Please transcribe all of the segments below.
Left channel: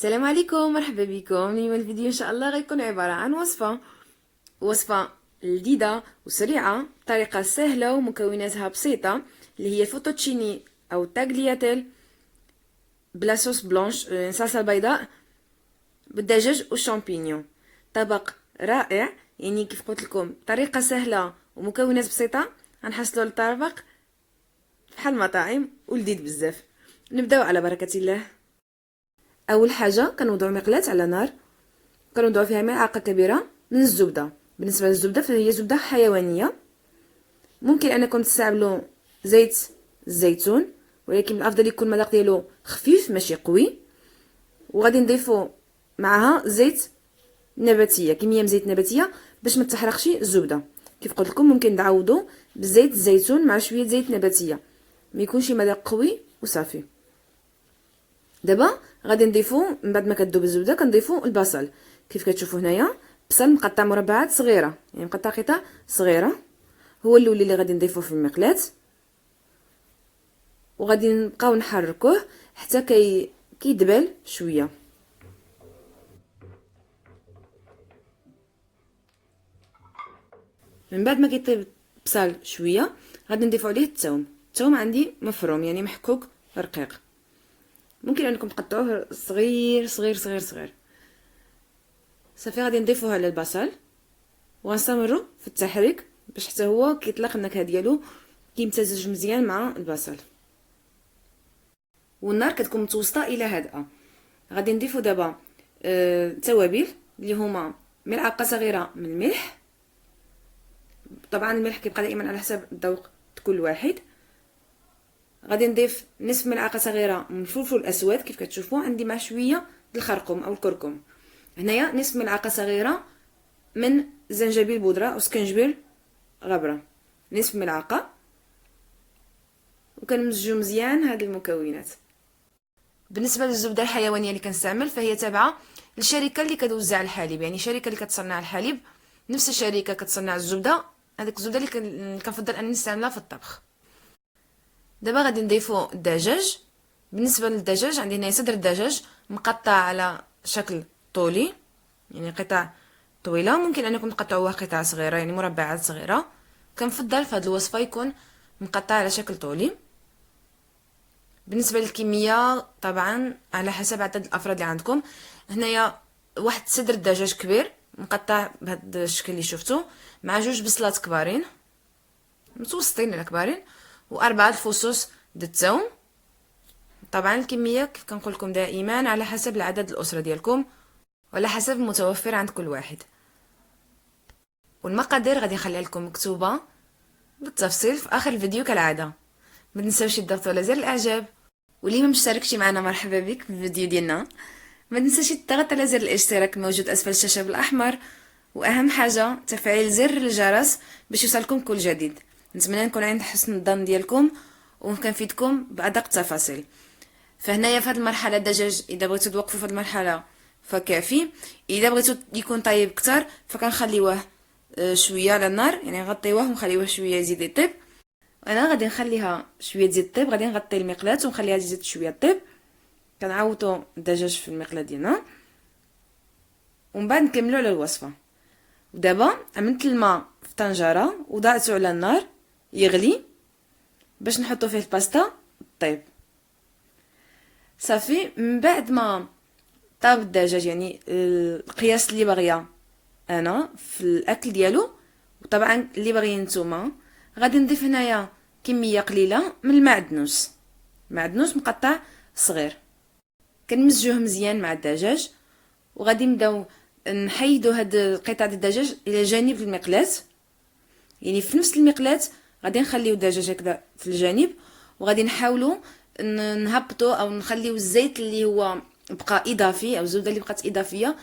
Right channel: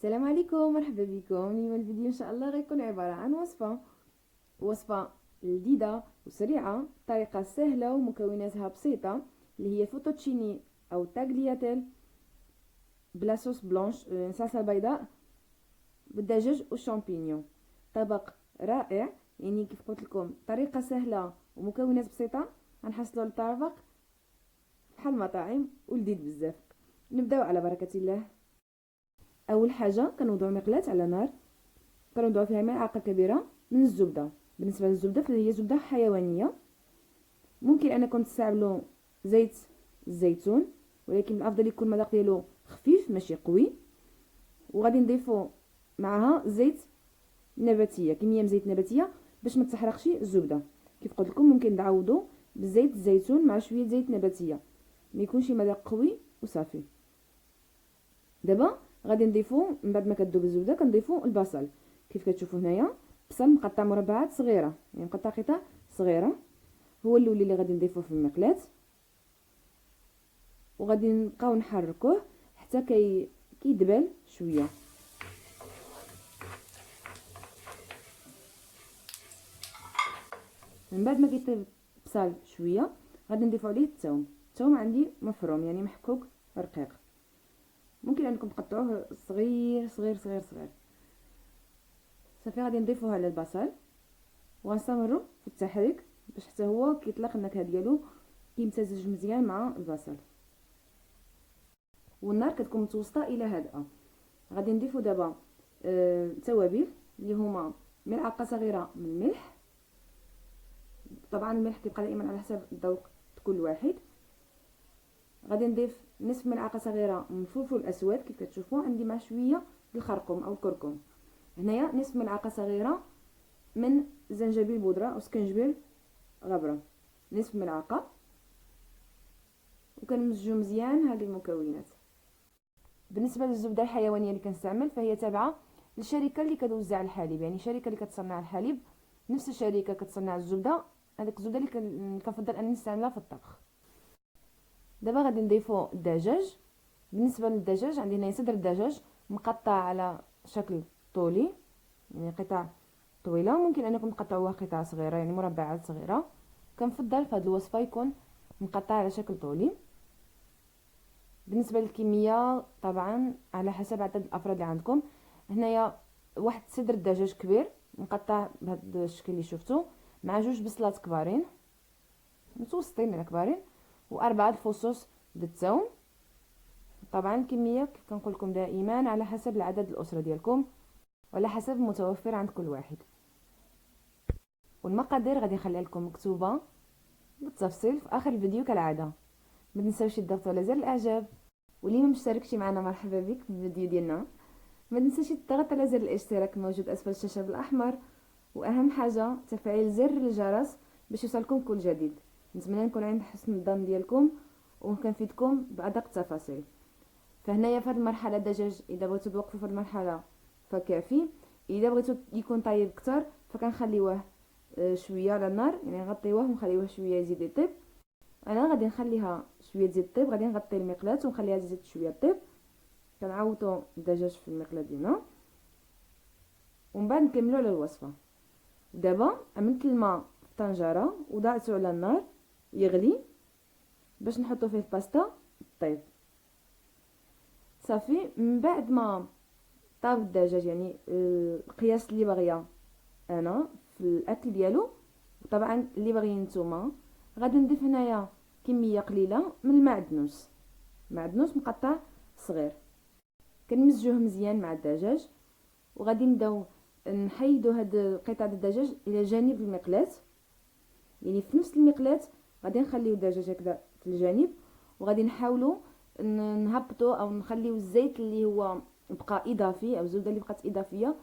السلام عليكم، مرحبا بكم. اليوم الفيديو ان شاء الله غيكون عبارة عن وصفة لذيذة وسريعة بطريقة سهلة ومكوناتها بسيطة، اللي هي فوتوتشيني او تاغلياتيل بلا صوص بلونش، صلصة بيضاء بالدجاج والشامبينيون. طبق رائع، يعني كيف قلت لكم طريقة سهلة ومكونات بسيطة، غنحصلوا الطبق بحال المطاعم ولذيذ بزاف. نبداو على بركة الله. اول حاجة كنوضعوا مقلاة على نار، كنوضعوا فيها ملعقة كبيرة من الزبدة. بالنسبة للزبدة فهي زبدة حيوانية، ممكن انكم تستعملوا زيت الزيتون، ولكن الافضل يكون المذاق ديالو خفيف ماشي قوي. وغادي نضيفوا معها زيت نباتية، كمية من زيت نباتية باش ما تحرقش الزبدة. كيف قلت لكم ممكن تعوضوا بزيت الزيتون مع شوية زيت نباتية، ما يكونش مذاق قوي وصافي. دابا غادي نضيفوا من بعد ما كتذوب الزبده كنضيفوا البصل. كيف كتشوفوا هنايا بصل مقطع مربعات صغيره، يعني مقطع قطع صغيره، هو الاولي اللي غادي نضيفوه في المقلاة. وغادي نبقاو نحركوه حتى كيدبل شويه. من بعد ما كيطيب البصل شويه غادي نضيفوا عليه الثوم عندي مفروم يعني محكوك رقيق، ممكن انكم تقطعوه صغير صغير صغير صغير. صافي غادي نضيفوه على البصل وغنستمروا في التحريك باش حتى هو كيطلق النكهه ديالو، كيمتزج مزيان مع البصل. والنار كتكون متوسطه الى هادئه. غادي نضيفوا دابا توابل اللي هما ملعقه صغيره من الملح. طبعا الملح كيبقى دائما على حسب الذوق كل واحد. غادي نضيف نصف ملعقه صغيره من الفلفل الاسود، كيف كتشوفوا عندي مع شويه الخرقوم او الكركم. هنايا نصف ملعقه صغيره من زنجبيل بودره او سكنجبيل غبره، نصف ملعقه. وكنمزجو مزيان هاد المكونات. بالنسبه للزبده الحيوانيه اللي كنستعمل فهي تابعه للشركه اللي كتوزع الحليب، يعني شركه اللي كتصنع الحليب نفس الشركه كتصنع الزبده. هذيك الزبده اللي كنفضل انني نستعملها في الطبخ. دابا غادي نضيفو الدجاج. بالنسبه للدجاج عندي هنا صدر الدجاج مقطع على شكل طولي، يعني قطع طويله، ممكن انكم تقطعوها قطع صغيره يعني مربعات صغيره. كنفضل في هذه الوصفه يكون مقطع على شكل طولي. بالنسبه للكميه طبعا على حسب عدد الافراد اللي عندكم. هنايا واحد صدر الدجاج كبير مقطع بهذا الشكل اللي شفتو، مع جوج بصلات كبارين متوسطين ولا كبارين، واربعه الفصوص د الثوم. طبعا الكميه كيف كنقول لكم دائما على حسب العدد الاسره ديالكم وعلى حسب المتوفر عند كل واحد. والمقادير غادي نخليها لكم مكتوبه بالتفصيل في اخر الفيديو كالعاده. ما تنساوش تضغطوا على زر الاعجاب، واللي ما مشتركش معنا مرحبا بك في الفيديو ديالنا. ما تنساش تضغط على زر الاشتراك الموجود اسفل الشاشه بالاحمر، واهم حاجه تفعيل زر الجرس باش يوصلكم كل جديد. نتمنى نكون عند حسن الظن ديالكم وكنفيدكم بادق التفاصيل. فهنايا في هذه المرحله الدجاج اذا بغيتو توقفوا في هذه المرحله فكافي. اذا بغيتو يكون طيب اكثر فكنخليوه شويه على النار، يعني نغطيوه ونخليوه شويه يزيد يطيب. انا غادي نخليها شويه تزيد طيب، غادي نغطي المقلاة ونخليها تزيد شويه طيب. كنعوضوا الدجاج في المقلاة ديالنا ومن بعد نكملوا على الوصفه. ودابا عملت الماء في طنجره وضعته على النار يغلي باش نحطو فيه الباستا طيب. صافي من بعد ما طاب الدجاج، يعني القياس اللي باغيه انا في الاكل ديالو، وطبعا اللي باغيين نتوما، غادي نضيف هنايا كميه قليله من المعدنوس، معدنوس مقطع صغير. كنمزجوه مزيان مع الدجاج. وغادي نبداو نحيدو هاد القطع ديال الدجاج الى جانب المقلاة، يعني في نفس المقلاة غادي نخليو الدجاج هكذا في الجانب، وغادي نحاولوا نهبطوا او نخليو الزيت اللي هو بقى اضافي او الزبده اللي بقات اضافيه،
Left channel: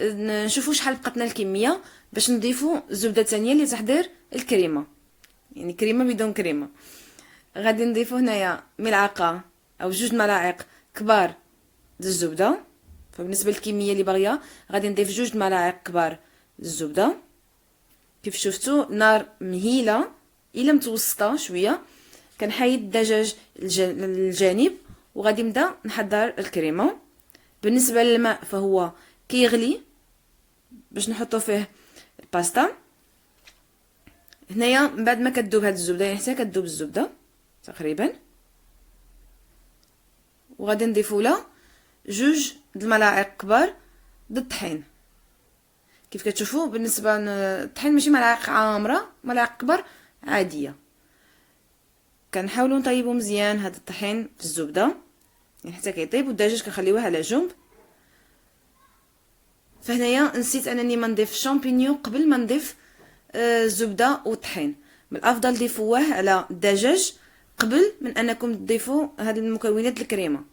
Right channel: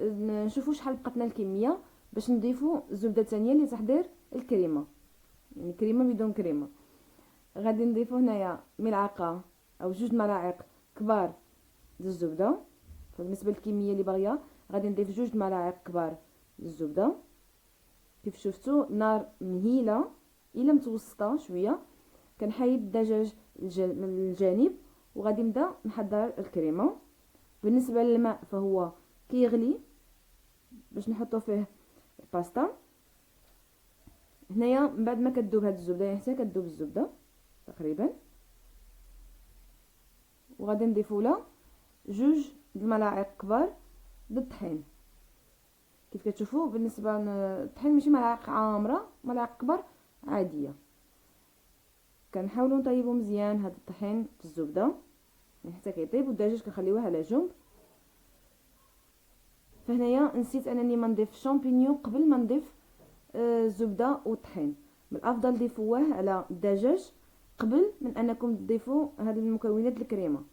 نشوفوا شحال بقاتنا الكميه باش نضيفوا الزبده الثانيه لتحضير الكريمه، يعني كريمه بدون كريمه. غادي نضيفوا هنايا ملعقه او جوج ملاعق كبار د الزبده. فبالنسبه للكميه اللي باغيه غادي نضيف جوج ملاعق كبار الزبده. كيف شفتوا نار مهيله الى متوسطه شويه. كنحيد الدجاج للجانب وغادي نبدا نحضر الكريمه. بالنسبة للماء فهو كيغلي باش نحطو فيه الباستا. هنايا من بعد ما كتذوب هاد الزبده، يعني حتى كتذوب الزبده تقريبا، وغادي نضيفو لها 2 د الملاعق كبار د الطحين. كيف كتشوفوا بالنسبه للطحين ماشي ملاعق عامره، ملاعق كبار عاديه. كنحاولوا نطيبوا مزيان هاد الطحين في الزبده يعني حتى كيطيب، والدجاج كنخليوه على جنب. فهنايا نسيت انني ما نضيف شامبينيون قبل ما نضيف الزبده والطحين. من الافضل ضيفوه على الدجاج قبل من انكم تضيفوا هاد المكونات الكريمه.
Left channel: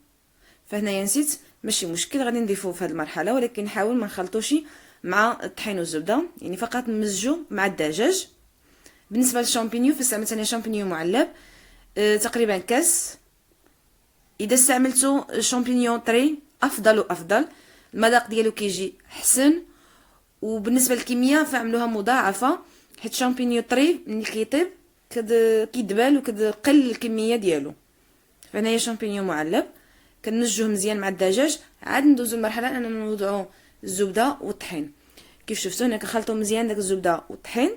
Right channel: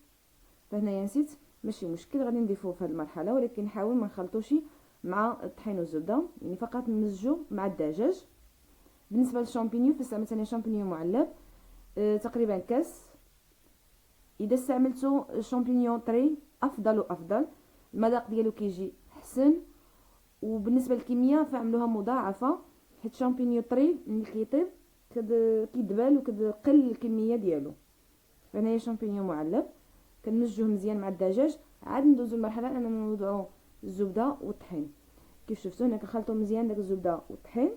فهنايا نسيت، ماشي مشكل، غادي نضيفوه في هاد المرحله، ولكن نحاول ما نخلطوش مع الطحين والزبده، يعني فقط نمزجو مع الدجاج. بالنسبه للشامبينيون فاستعملت انا شامبينيون معلب تقريبا كاس. اذا استعملتو شامبينيون طري افضل وافضل، المذاق ديالو كيجي حسن. وبالنسبه للكميه فعملوها مضاعفه، حيت شامبينيون طري ملي كيطيب كيدبل وكتقل الكميه ديالو. فهنايا شامبينيون معلب كنمزجوه مزيان مع الدجاج. عاد ندوزو المرحله اننا نوضعو الزبده والطحين. كيف شفتوا هنا كنخلطو مزيان داك الزبده والطحين.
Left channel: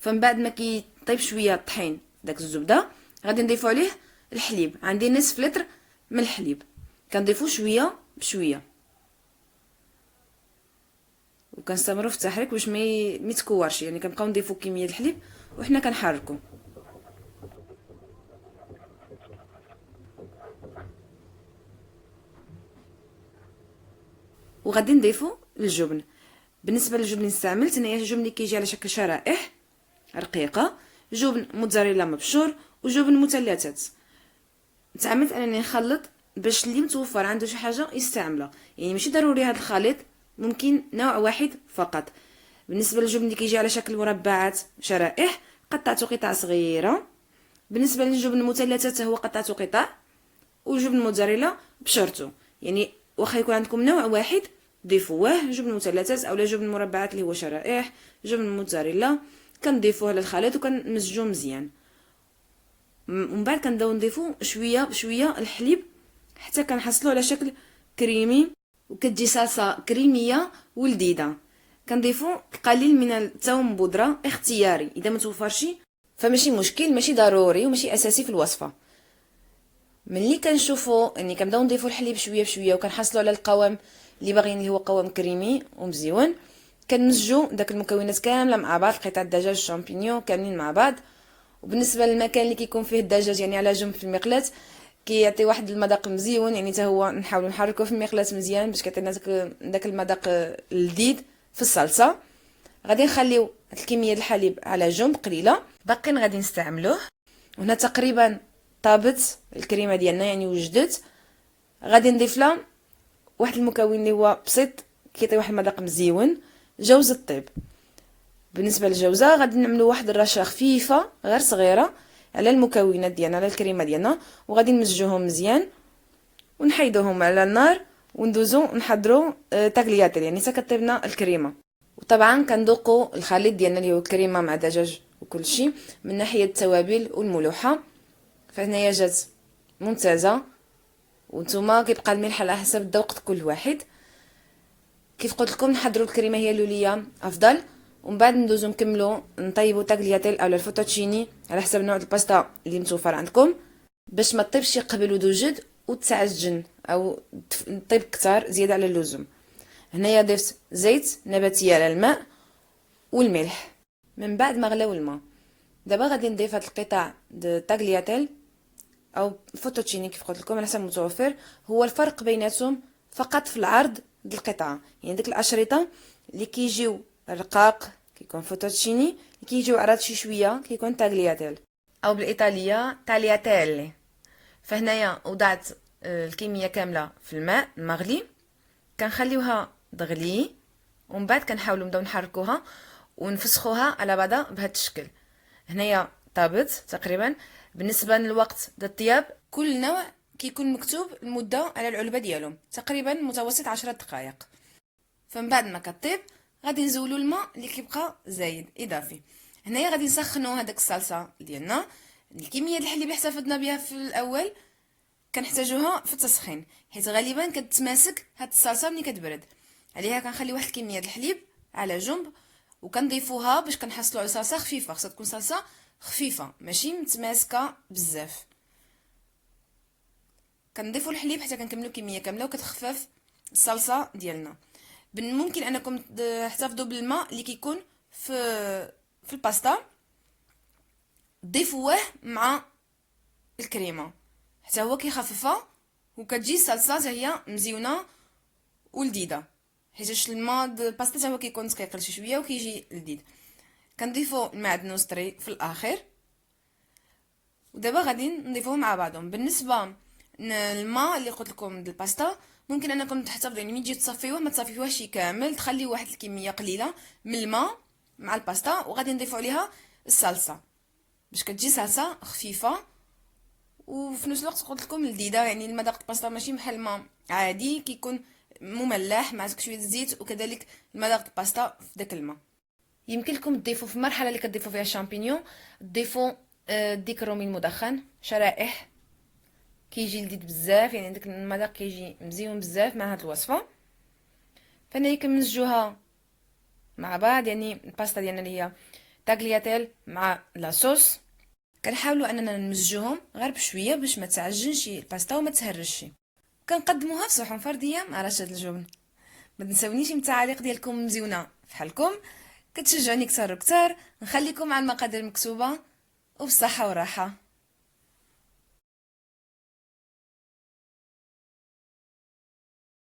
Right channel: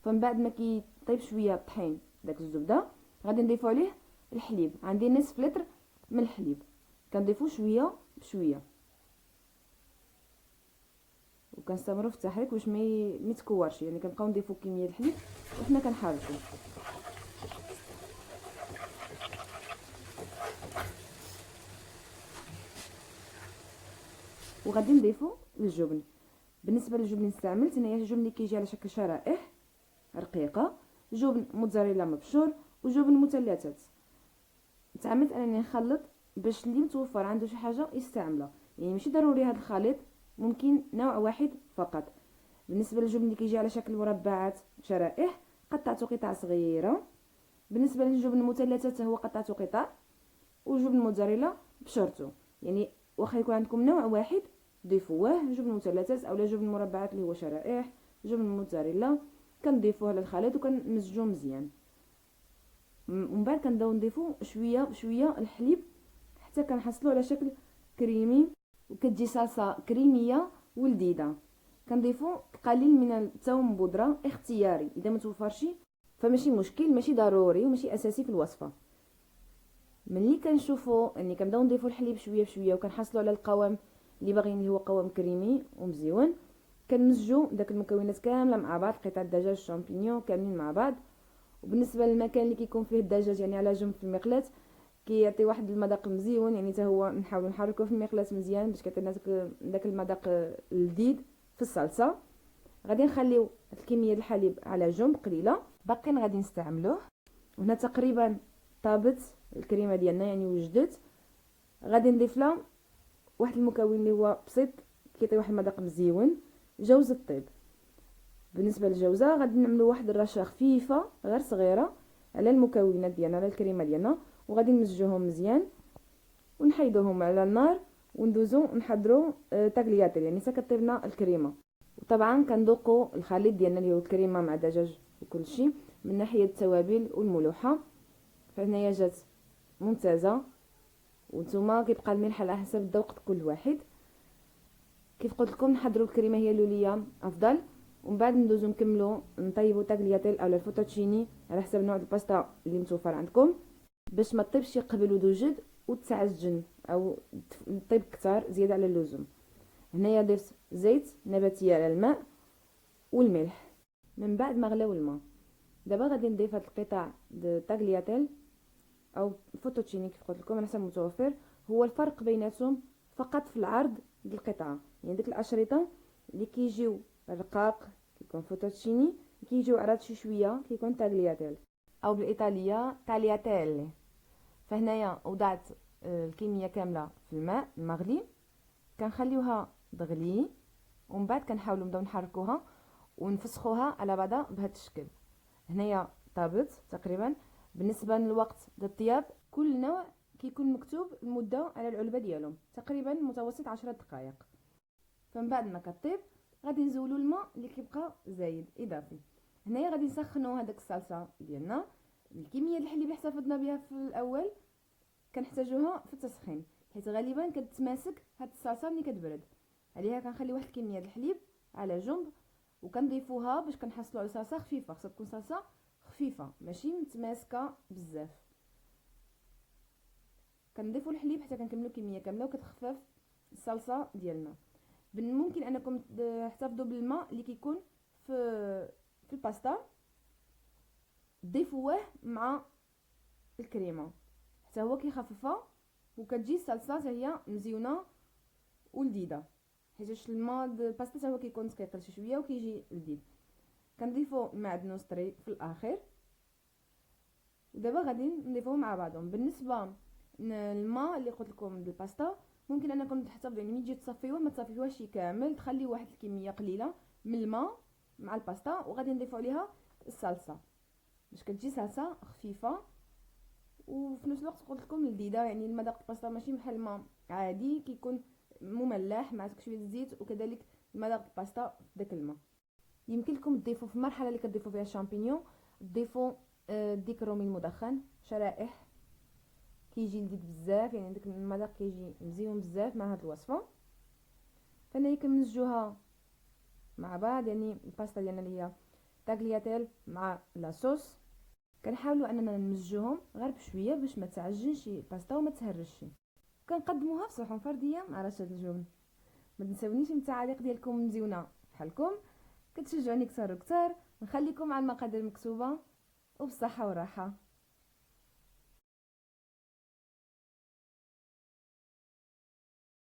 فمن بعد ما كيطيب شويه الطحين داك الزبده غادي نضيفو عليه الحليب. عندي نصف لتر من الحليب، كنضيفو شويه بشويه وكنستمروا في التحريك باش ما يتكورش. يعني كنبقاو نضيفو كميه الحليب وحنا كنحركو. وغادي نضيفو الجبن. بالنسبه للجبن اللي استعملت هنايا الجبن اللي كيجي على شكل شرائح رقيقه، جبن موتزاريلا مبشور وجبن مثلثات. تعمدت انني نخلط باش اللي متوفر عنده شي حاجه يستعملها، يعني ماشي ضروري هذا الخليط، ممكن نوع واحد فقط. بالنسبه للجبن اللي كيجي على شكل مربعات شرائح قطعته قطع صغيره. بالنسبه للجبن المثلثات هو قطعته قطع، وجبن موتزاريلا بشرته. يعني واخا يكون عندكم نوع واحد ضيفوه جبن مثلثات اولا جبن مربعات اللي هو شرائح، جبن موتزاريلا كنضيفوه للخليط وكنمزجوه مزيان. ومن بعد كنبداو نضيفو شويه بشويه الحليب حتى كنحصلوا على شكل كريمي وكتجي صلصه كريميه ولذيذه. كنضيفو قليل من الثوم بودره اختياري، اذا ما توفرش فماشي مشكل، ماشي ضروري وماشي اساسي في الوصفه. ملي كنشوفوا اني كنبداو نضيفوا الحليب شويه بشويه وكنحصلوا على القوام اللي باغيين اللي هو قوام كريمي ومزيون، كنمزجوا داك المكونات كامله مع بعض، قطع الدجاج الشامبينيون كاملين مع بعض. وبالنسبه للمكان اللي كيكون فيه الدجاج يعني على جنب في المقلاة كيعطي واحد المذاق مزيون، يعني حتى هو نحاولوا نحركوه في المقلاة مزيان باش كيعطينا داك المذاق اللذيذ في الصلصه. غادي نخليو الكميه ديال الحليب على جنب قليله، باقي غادي نستعملوه. وهنا تقريبا طابت الكريمه ديالنا يعني وجدت. غادي نضيف لها واحد المكون اللي هو بسيط كيعطي واحد المذاق مزيون، جوز الطيب. بالنسبه للجوزه غادي نعملوا واحد الرشه خفيفه غير صغيره على المكونات ديالنا على الكريمه ديالنا، وغادي نمزجوهم مزيان ونحيدوهم على النار وندوزو نحضروا تاكلياتير يعني حتى كطيبنا الكريمه. وطبعا كندوقوا الخليط ديالنا اللي هو الكريمه مع دجاج وكل شيء من ناحيه التوابل والملوحه. فهنايا جات ممتازه، وانتم كيبقى الملح على حسب الذوق كل واحد. كيف قلت لكم نحضروا الكريمه هي اللوليه افضل، ومن بعد ندوزو نكملوا نطيبوا تاكلياتيل او الفوتوتشيني على حسب نوع الباستا اللي متوفر عندكم، باش ما تطيبش قبل ودوجد وتعجن او تطيب كتار زياده على اللزوم. هنايا ضفت زيت نباتي على الماء والملح. من بعد ما غلاو الماء دابا غادي نضيف هاد القطع د تاكلياتيل او فوتوتشيني كيف قلت لكم على حسب المتوفر. هو الفرق بيناتهم فقط في العرض ديال القطعه، يعني ديك الاشرطه اللي كيجيو رقاق كيكون فوتوتشيني، اللي كيجيو عرض شي شويه كيكون تاغلياتيل او بالايطاليه تالياتيل. فهنايا وضعت الكميه كامله في الماء المغلي، كنخليوها تغلي ومن بعد كنحاولوا نبداو نحركوها ونفسخوها على بعضها بهذا الشكل. هنايا طابت تقريبا. بالنسبه للوقت ديال الطياب كل نوع كيكون مكتوب المده على العلبه ديالهم، تقريبا متوسط 10 دقائق. فمن بعد ما كطيب غادي نزولوا الماء اللي كيبقى زايد اضافي. هنايا غادي نسخنوا هذاك الصلصه ديالنا. الكميه الحليب اللي احتفظنا بها في الاول كنحتاجوها في التسخين، حيت غالبا كتماسك هاد الصلصه ملي كتبرد. عليها كنخلي واحد الكميه الحليب على جنب، وكنضيفوها باش كنحصلوا على صلصه خفيفه. خصها تكون صلصه خفيفه ماشي متماسكه بزاف. كنضيفوا الحليب حتى كنكملوا كميه كامله وكتخفف الصلصه ديالنا. ممكن انكم تحتفظوا بالماء اللي كيكون في الباستا، ضيفوه مع الكريمه حتى هو كيخففها، وكتجي الصلصه حتى هي مزيونه ولذيذه، حيت الماء الباستا حتى هو كيكون ثقيل شي شويه وكيجي لذيذ. كنضيفوا المعدنوس طري في الاخر، ودابا غادي نضيفوهم مع بعضهم. بالنسبه الماء اللي قلت لكم ديال الباستا، ممكن انكم تحتفظوا يعني ملي تجي تصفيوه ما تصفيوهش كامل، تخليو واحد الكميه قليله من الماء مع الباستا، وغادي نضيفوا عليها الصلصه باش كتجي صلصه خفيفه وفي نفس الوقت قلت لكم لذيذه. يعني المذاق الباستا ماشي بحال الماء عادي، كيكون مملح مع شويه الزيت، وكذلك المذاق الباستا في داك الماء. يمكن لكم تضيفوا في المرحله اللي كتضيفوا فيها الشامبينيون، تضيفوا ديك الرومي المدخن شرائح، كيجي لذيذ بزاف، يعني داك المذاق كيجي مزيون بزاف مع هاد الوصفه. فانا كنمزجوها مع بعض، يعني الباستا ديالنا اللي هي تاغلياتيل مع لاصوص، كنحاولوا اننا نمزجوهم غير بشويه باش ما تعجنش الباستا وما تهرش. كنقدموها في صحون فرديه مع رشه الجبن. ما تنسونيش من التعاليق ديالكم مزيونه فحالكم، كتشجعوني كتر وكتر. نخليكم مع المقادير المكتوبه، وبالصحه والراحه.